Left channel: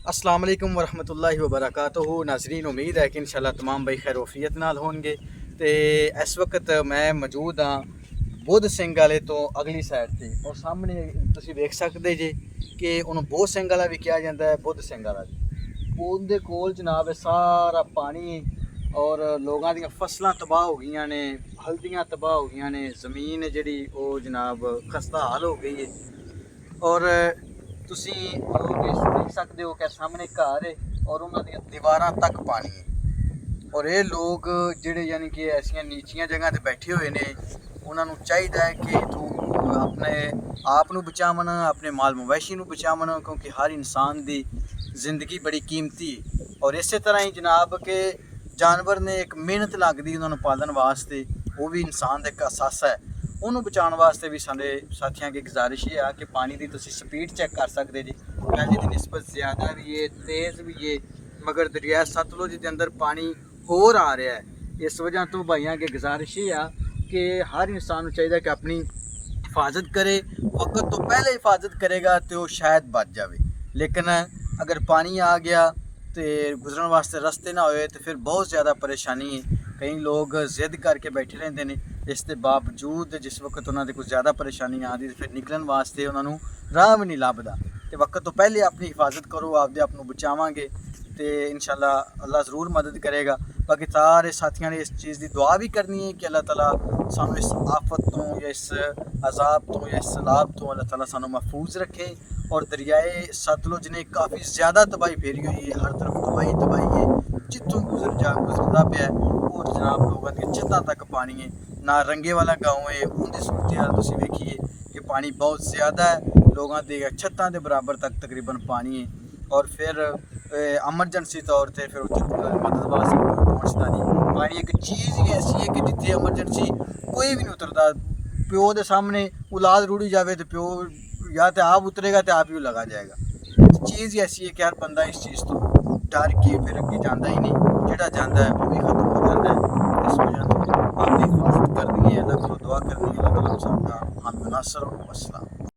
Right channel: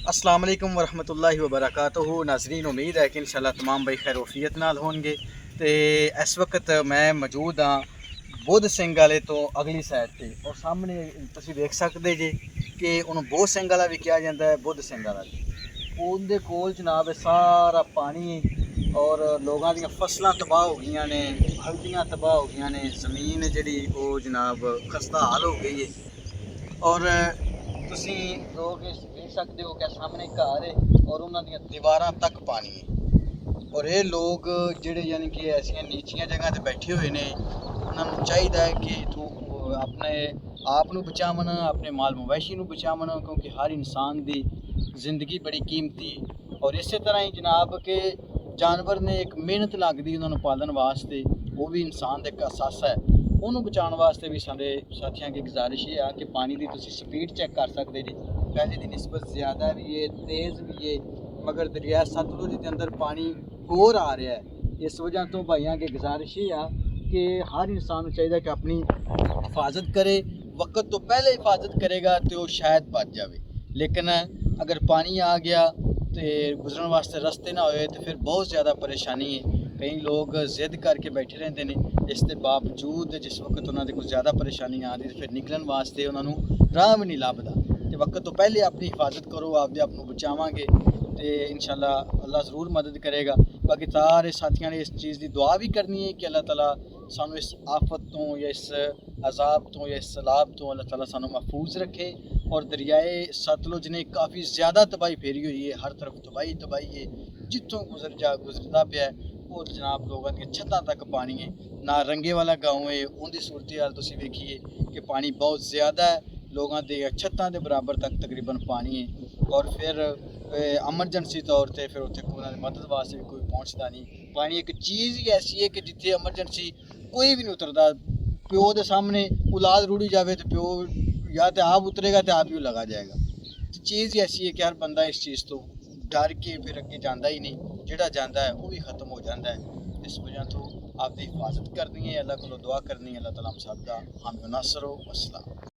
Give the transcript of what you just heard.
अस्सलाम वालेकुम वरहमतुल्लाहि वबरकातुहू। नाज़रीन, उम्मीद है कि इंशाल्लाह तमाम भाई खैर वफियत नाल होंगे। तो इस वक्त मैं मौजूद हाँ बुद्ध सिंह वाले तो अगली साइड से, और सामने तुसीं देख सकते जे कि उन्होंने बोध सिंह वाला भी कहा जाता है, बुद्ध सिंह वाला भी। उनके कोल जनाब है सारा पानी, और लोगों दी फसलां तबाह हो गई ने, हल्दियाँ तबाह हो गई ने, जमीन जी जनाब खस्ता हाल हो गई है। और तुसी लोग इस देख सकते हो कि सामने घर है और उन्होंने दीवारां तक पानी है। और ये लोग जेडे यानी कि ऐसिया नीचियां जगह ते बैठे हुए ने, उन्होंने चाहिए है कि तू अपने आप नू बचावन, अपने माल मवेशी नू बचावन, क्योंकि हर इंसान की जिंदगी बड़ी कीमती है। और इस तरह ही जनाब के जानवर ने एक मेहनत लगती उन्होंने पालन वास्ते, वो भी इंसान का एक असासा है। उन्होंने बचाने वास्ते भी सारे साथियों की गुजारिश ये है कि पानी की तुसी स्पीड चेक कर सकते जी, पहले की निस्बत ज़्यादा भी है, तेज़ भी है, मगर दरिया सतलुज के अंदर पानी होर आ रहा है। इस वजह तो भाइयों की गुजारिश ये है कि हर इंसान को चाहिए कि अपनी हिफाजत करे। वक्त तो पहले हिफाजत करेगा तो शायद बच जाए, लेकिन अगर पानी आ गया तो गुजरन वास्ते रस्ते ना होए तो फिर बहुत ज़्यादा परेशानी है। कई लोग जिद करके बैठे रहते हैं, इसके बावजूद जिस वक्त उन्होंने कुछ ज़्यादा परेशानी आती तो फिर निकलन वास्ते उन्होंने राह भी नहीं लभदा। तो वक्त तो पहले अपनी हिफाजत करो, आपदे आप बचावांगे तो इंशाल्लाह अल्लाह ज़रूर मदद करेगा। बाकी सारे साथियों ने इस चीज़ की दुआ भी करनी है कि अल्लाह ताला सानू इस आफत तो या इस अजाब तो या इस सैलाब तो अल्लाह ताला सानू महफूज रखे। और दरियाए सतलुज ने काफ़ी ज़्यादा तबाही फेरी हुई है, हर तरफ तबाही तबाही है, जितों गुजरता पे है और जनाब लोगों की छत्तां तक पानी है। ना रंगे वाला गाँव है, उनकी सूरत हाल तुसीं वेखिए कि पानी बहुत ज़्यादा है, लोगों के छत्तां के बराबर तक तकरीबन पानी है। और फिर एमरजेंसी तौर पर फिर उत्थे मदद वास्ते कोई पहुँचता नहीं। पानी एक चीज़ ही ऐसी है कि जिथे एमरजेंसी कोई भी नहीं उतरता। प्यो के सामने औलाद रुड़ी जाए तो प्यो या तो आप उतरेगा तो आप ही लगा जाएगा। चीज़ ही ऐसी है कि हर बंदा इस चीज़ तो डर के फिर अगे जाता ही नहीं, जोड़ा जाता है वो भी खत्म हो जाता है। इस वजह तो आपकी हिफाजत करनी है, अल्लाह को दुआ करनी है, अल्लाह ताला हम सब का हम नासर हो। अस्सलाम।